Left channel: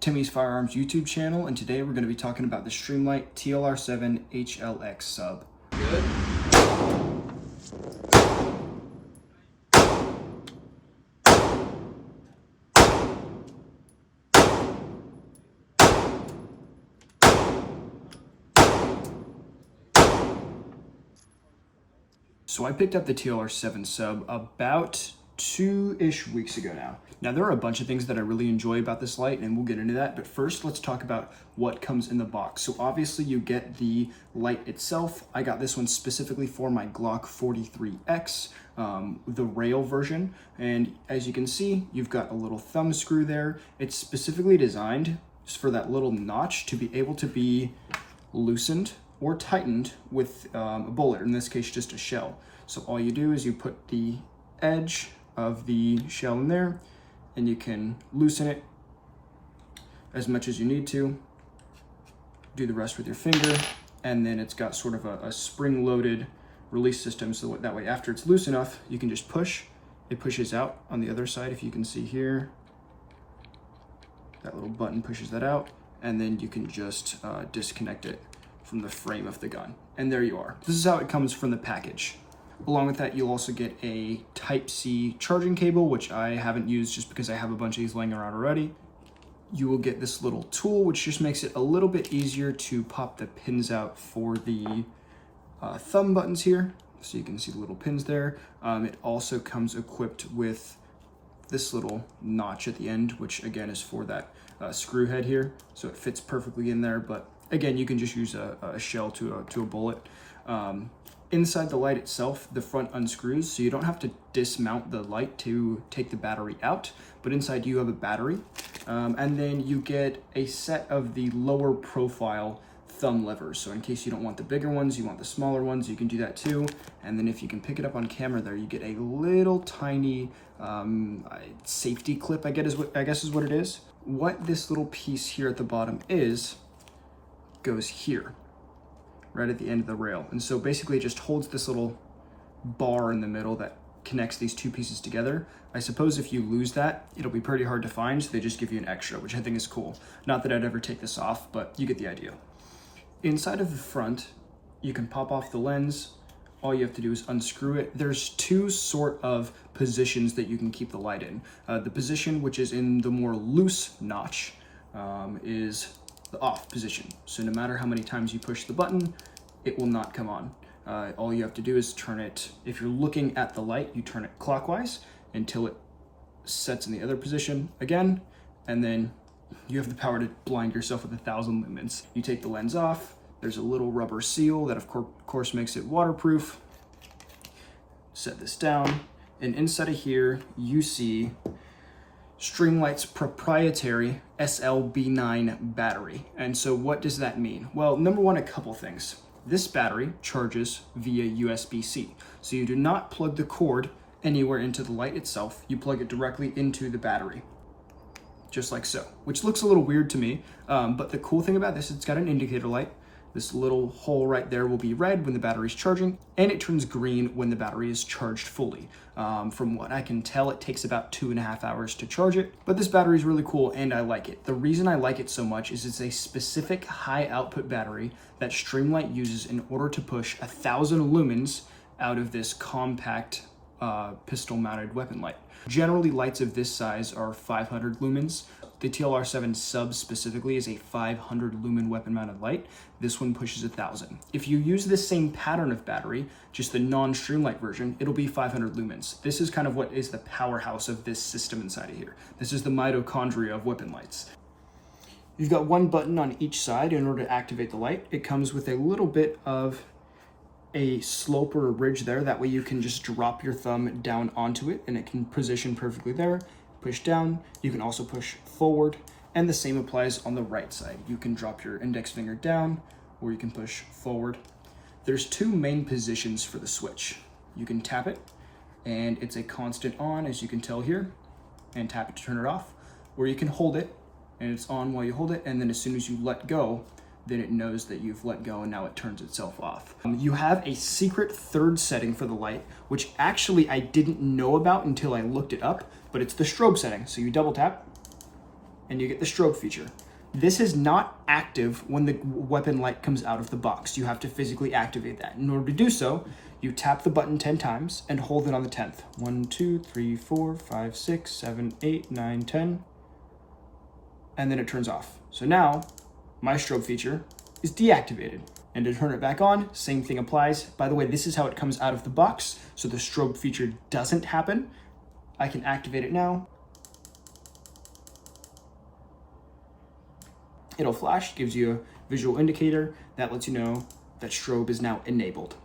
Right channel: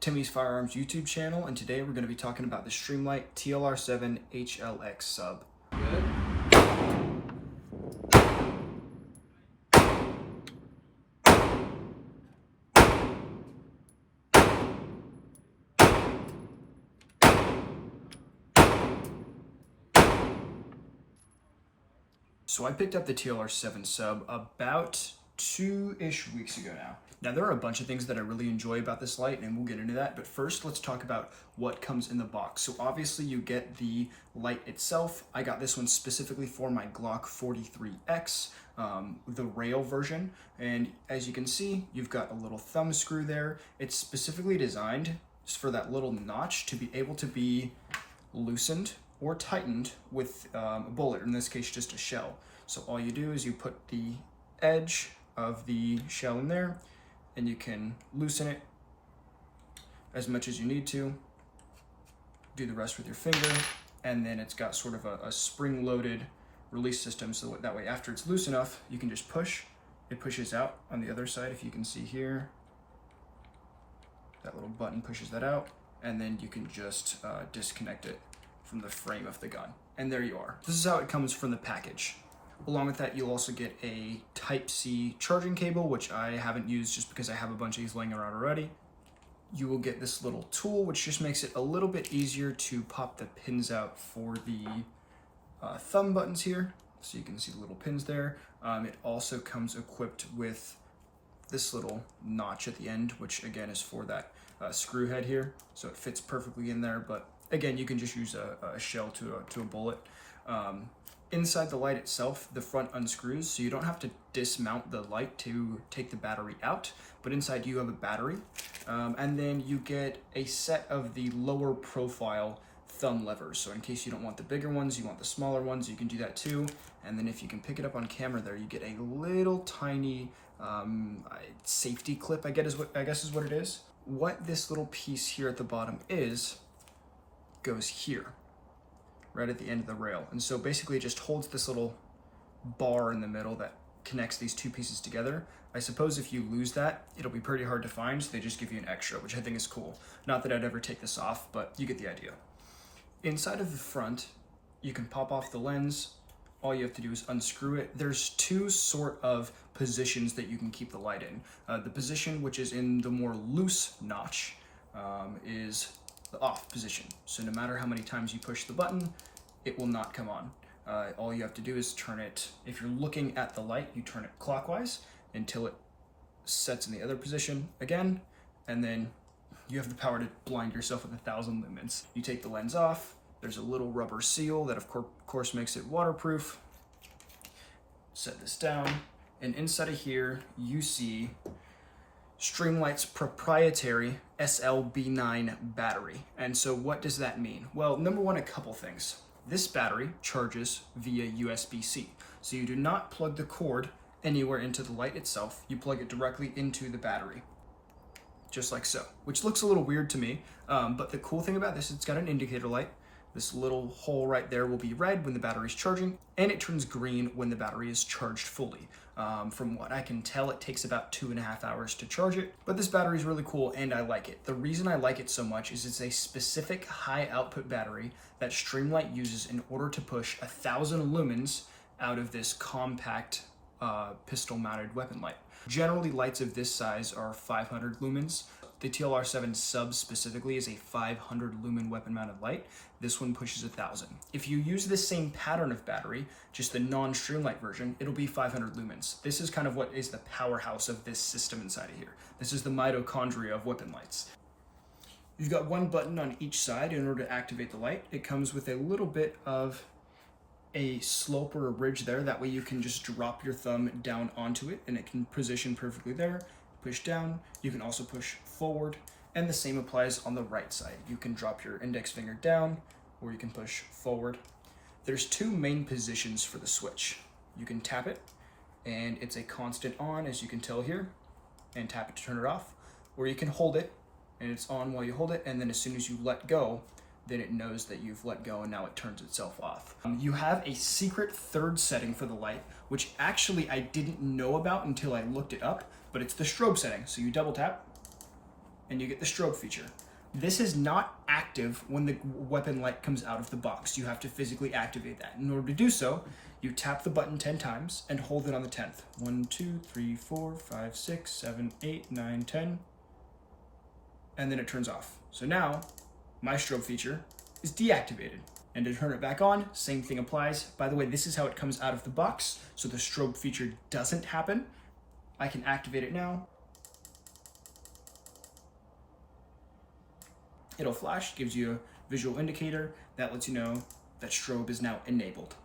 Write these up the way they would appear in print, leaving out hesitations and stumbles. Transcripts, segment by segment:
Timmy's Firearms YouTube channel, and today we're going to be talking about the Streamlight Tlr-7 HLX SUB. Good. So I picked up the Tlr-7 SUB about 2-ish weeks ago now. Now there are a bunch of things that I really enjoy about this light, and we'll get into that, but first let's talk about what comes in the box. So obviously you get the light itself. I got this one specifically for my Glock 43X, the rail version, and as you can see, you've got a little thumb screw there. It's specifically designed just for that little notch to be able to be loosened or tightened with a bullet, in this case just a shell. So all you do is you put the edge of the shell in there, and you can loosen it as much as you need to, do the rest with your finger, and then it's got sort of a spring-loaded release system, so that way after it's loose enough, you can just push. It pushes out on the other side, if you can see here. That little button pushes that out, and then you can just disconnect it from the frame of the gun. And there you are. This is how it comes from the package. Along with that, you'll also get a Type-C charging cable, which I haven't used just because I have a bunch of these laying around already. You will get this little tool, which just makes it a little bit easier to pop the pins out for the thumb buttons here. So you can see the little pins there. It also comes equipped with this little notch at the end, which again is for that screw head here. So it fits perfectly in there, but again, you can just use a shell to a bullet. Inside the light itself, the front unscrews, so you don't have to dismount the light to take the battery out, but inside you have a battery. And then you get a set of the lower profile thumb levers. So in case you don't want the bigger ones, you want the smaller ones, you can do that too. And then if you can pick it up on camera there, you get a little tiny safety clip, I guess is what it is. What this little piece here at the bottom goes here, right at the end of the rail. And so basically it just holds this little bar in the middle that connects these two pieces together. I suppose if you lose that, it'll be pretty hard to find, so they just give you an extra, which I think is cool. Not that I'd ever take this off, but you get the idea. Inside of the front, you can pop off the lens. All you have to do is unscrew it. There's two sort of positions that you can keep the light in. The position which is in the more loose notch is the off position. So no matter how many times you push the button, it will not come on. All you have to do is turn it, if you're looking at the light, you turn it clockwise until it sets in the other position again, and then you have the power to blind yourself with 1,000 lumens. You take the lens off, there's a little rubber seal that of course makes it waterproof. Set this down, and inside of here, you see Streamlight's proprietary SLB9 battery. And so what does that mean? Well, number one, a couple things. This battery charges via USB-C. So you do not plug the cord anywhere into the light itself. You plug it directly into the battery, just like so, which looks a little weird to me. But the cool thing about this, it's got an indicator light. This little hole right there will be red when the battery's charging, and it turns green when the battery is charged fully. From what I can tell, it takes about 2.5 hours to charge it, but this battery is really cool and I like it. The reason I like it so much is it's a specific high output battery that Streamlight uses in order to push 1,000 lumens out of this compact pistol mounted weapon light. Generally, lights of this size are 500 lumens. The Tlr-7 SUB specifically is a 500 lumen weapon mounted light. This one pushes 1,000. If you use the same pattern of battery, just the non-Streamlight version, it'll be 500 lumens. This is kind of what is the powerhouse of this system inside of here. This is the mitochondria of weapon lights. You've got one button on each side in order to activate the light. It comes with a little bit of a slope or a ridge there. That way you can just drop your thumb down onto it and it can position perfectly there. Push down, you can also push forward, and the same applies on the right side. You can drop your index finger down, or you can push forward. There's two main positions for the switch. You can tap it, and it's a constant on, as you can tell here, and tap it to turn it off, or you can hold it, and it's on while you hold it, and then as soon as you let go, then it knows that you've let go and now it turns itself off. You have a secret third setting for the light, which actually I didn't know about until I looked it up, but it's the strobe setting. So you double tap, and you get the strobe feature. This is not active when the weapon light comes out of the box. You have to physically activate that. In order to do so, you tap the button 10 times and hold it on the 10th. 1, 2, 3, 4, 5, 6, 7, 8, 9, 10. And then it turns off. So now my strobe feature is deactivated. And to turn it back on, same thing applies. By the way, this is how it comes out of the box. So the strobe feature doesn't happen. I can activate it now. It'll flash, gives you a visual indicator that lets you know that strobe is now enabled.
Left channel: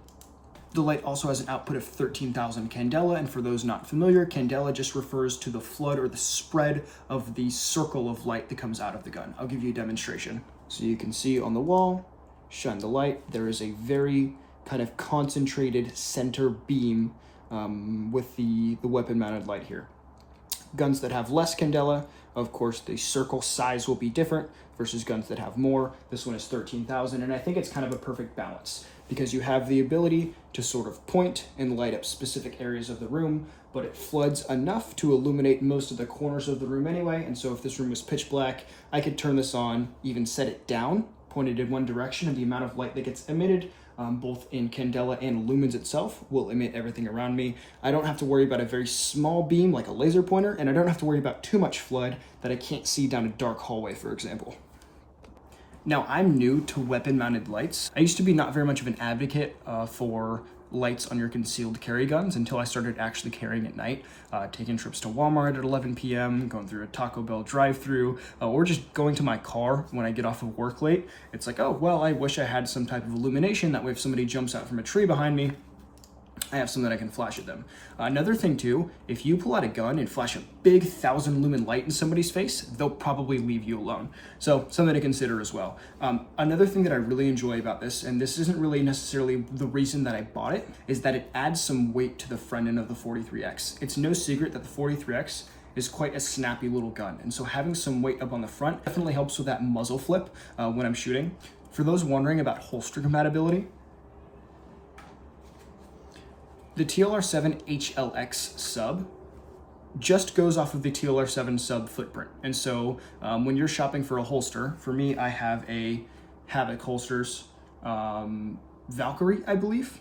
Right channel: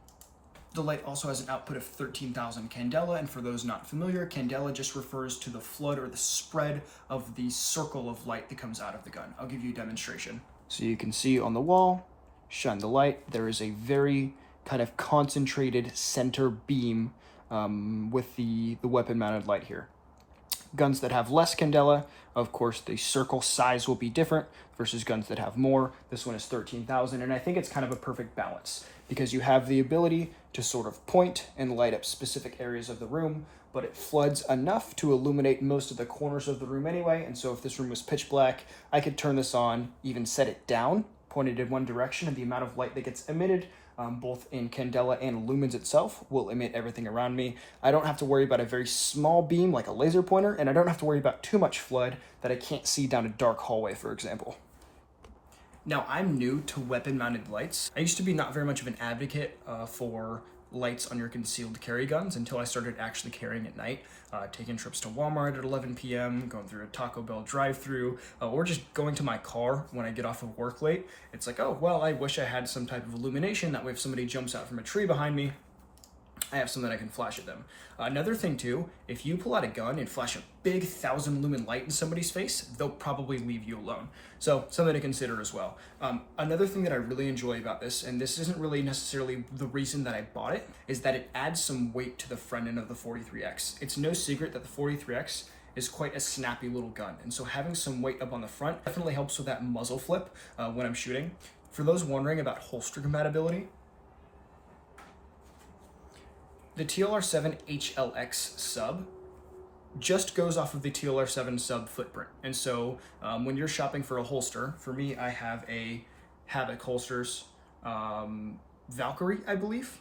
The light also has an output of 13,000 candela, and for those not familiar, candela just refers to the flood or the spread of the circle of light that comes out of the gun. I'll give you a demonstration. So you can see on the wall, shine the light, there is a very kind of concentrated center beam with the weapon mounted light here. Guns that have less candela, of course, the circle size will be different versus guns that have more. This one is 13,000, and I think it's kind of a perfect balance because you have the ability to sort of point and light up specific areas of the room, but it floods enough to illuminate most of the corners of the room anyway. And so if this room was pitch black, I could turn this on, even set it down, pointed in one direction, and the amount of light that gets emitted, both in candela and lumens itself, will emit everything around me. I don't have to worry about a very small beam like a laser pointer, and I don't have to worry about too much flood that I can't see down a dark hallway, for example. Now, I'm new to weapon-mounted lights. I used to be not very much of an advocate for lights on your concealed carry guns until I started actually carrying at night, taking trips to Walmart at 11 p.m., going through a Taco Bell drive-thru, or just going to my car when I get off of work late. It's like, oh, well, I wish I had some type of illumination. That way if somebody jumps out from a tree behind me, I have something I can flash at them. Another thing too, if you pull out a gun and flash a big 1,000 lumen light in somebody's face, they'll probably leave you alone. So something to consider as well. Another thing that I really enjoy about this, and this isn't really necessarily the reason that I bought it, is that it adds some weight to the front end of the 43X. It's no secret that the 43X is quite a snappy little gun. And so having some weight up on the front definitely helps with that muzzle flip when I'm shooting. For those wondering about holster compatibility, the Tlr-7 HLX SUB just goes off of the Tlr-7 SUB footprint. And so when you're shopping for a holster, for me, I have a Havoc Holsters Valkyrie, I believe.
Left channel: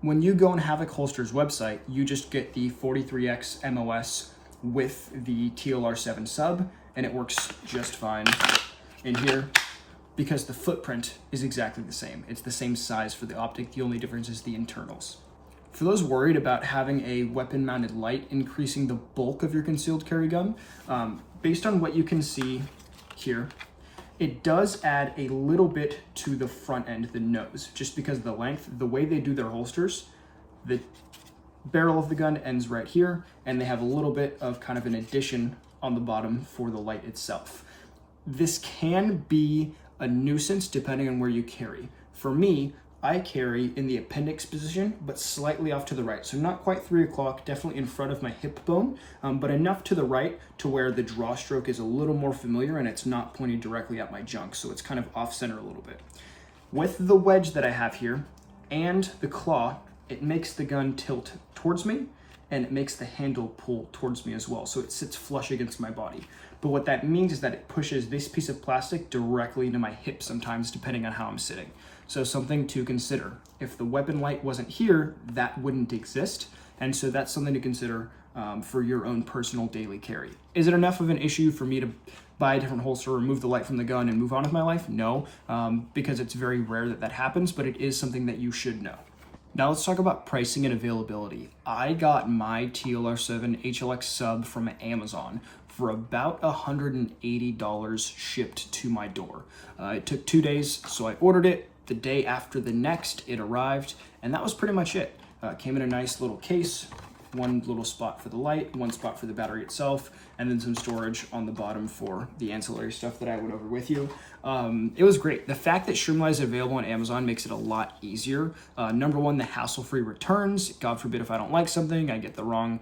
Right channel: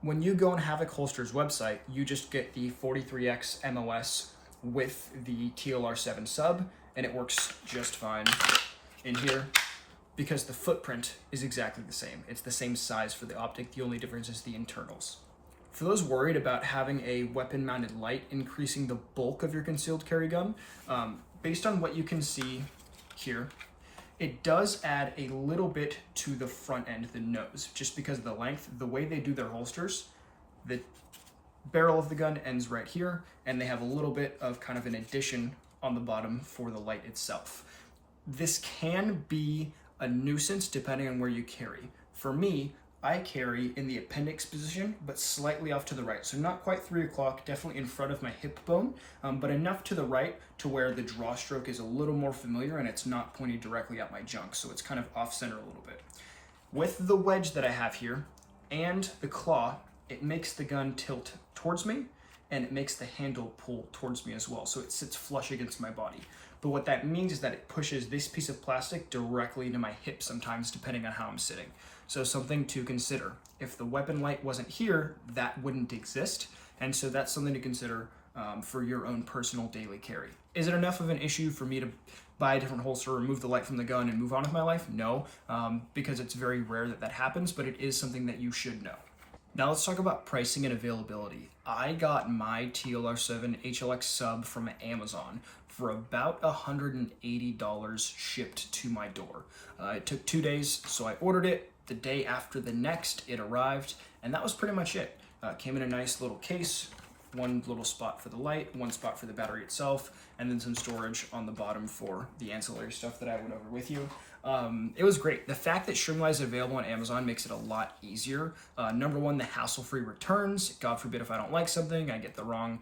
When you go on Havoc Holsters website, you just get the 43X MOS with the Tlr-7 SUB, and it works just fine in here because the footprint is exactly the same. It's the same size for the optic. The only difference is the internals. For those worried about having a weapon-mounted light increasing the bulk of your concealed carry gun, based on what you can see here, it does add a little bit to the front end, the nose, just because of the length. The way they do their holsters, the barrel of the gun ends right here, and they have a little bit of kind of an addition on the bottom for the light itself. This can be a nuisance depending on where you carry. For me, I carry in the appendix position, but slightly off to the right. So not quite 3 o'clock, definitely in front of my hip bone, but enough to the right to where the draw stroke is a little more familiar and it's not pointing directly at my junk. So it's kind of off center a little bit. With the wedge that I have here and the claw, it makes the gun tilt towards me and it makes the handle pull towards me as well. So it sits flush against my body. But what that means is that it pushes this piece of plastic directly into my hip sometimes, depending on how I'm sitting. So something to consider. If the weapon light wasn't here, that wouldn't exist. And so that's something to consider for your own personal daily carry. Is it enough of an issue for me to buy a different holster, remove the light from the gun, and move on with my life? No, because it's very rare that that happens, but it is something that you should know. Now let's talk about pricing and availability. I got my Tlr-7 HLX SUB from Amazon for about $180 shipped to my door. It took 2 days, so I ordered it. The day after the next, it arrived, and that was pretty much it. Came in a nice little case, one little spot for the light, one spot for the battery itself, and then some storage on the bottom for the ancillary stuff that I went over with you. It was great. The fact that streamlight is available on Amazon makes it a lot easier. Number one, the hassle-free returns. God forbid if I don't like something, I get the wrong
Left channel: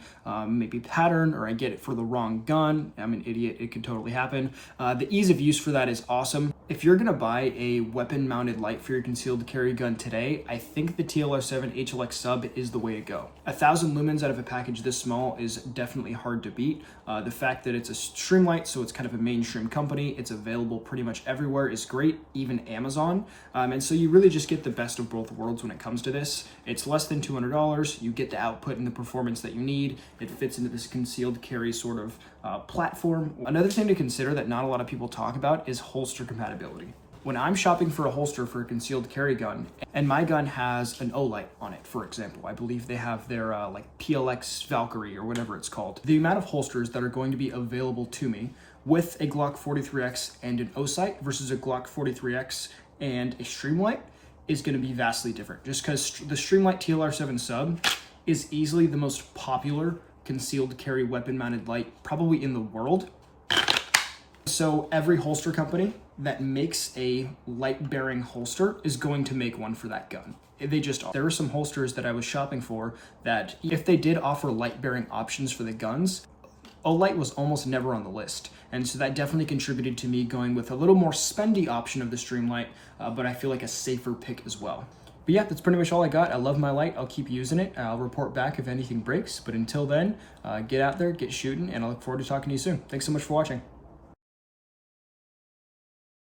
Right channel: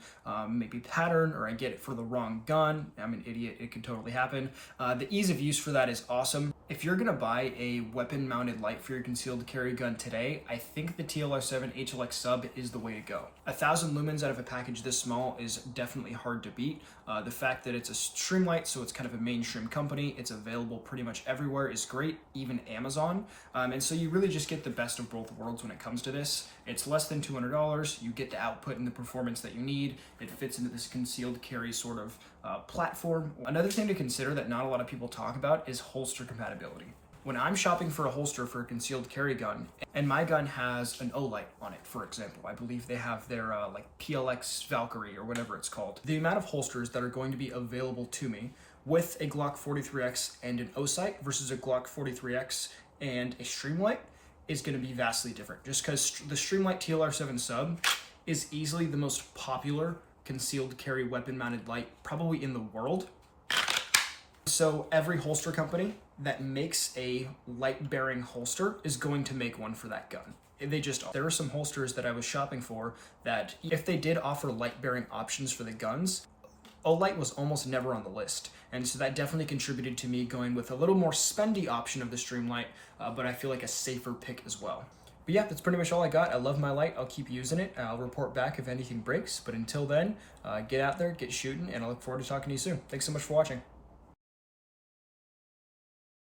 maybe pattern, or I get it for the wrong gun. I'm an idiot. It could totally happen. The ease of use for that is awesome. If you're gonna buy a weapon-mounted light for your concealed carry gun today, I think the Tlr-7 HLX SUB is the way to go. 1,000 lumens out of a package this small is definitely hard to beat. The fact that it's a streamlight, so it's kind of a mainstream company, it's available pretty much everywhere, is great, even Amazon. And so you really just get the best of both worlds when it comes to this. It's less than $200, you get the output and the performance that you need, it fits into this concealed carry sort of platform. Another thing to consider that not a lot of people talk about is holster compatibility. When I'm shopping for a holster for a concealed carry gun, and my gun has an O-light on it, for example, I believe they have their like PLX Valkyrie or whatever it's called. The amount of holsters that are going to be available to me with a Glock 43X and an O-sight versus a Glock 43X and a streamlight is going to be vastly different. Just because the streamlight Tlr-7 SUB is easily the most popular concealed carry weapon mounted light probably in the world. So every holster company that makes a light bearing holster is going to make one for that gun. They just are. There are some holsters that I was shopping for that if they did offer light bearing options for the guns, O-light was almost never on the list. And so that definitely contributed to me going with a little more spendy option of the streamlight, but I feel like a safer pick as well. But yeah, that's pretty much all I got. I love my light. I'll keep using it. I'll report back if anything breaks. But until then, get out there, get shooting, and I look forward to talking to you soon. Thanks so much for watching.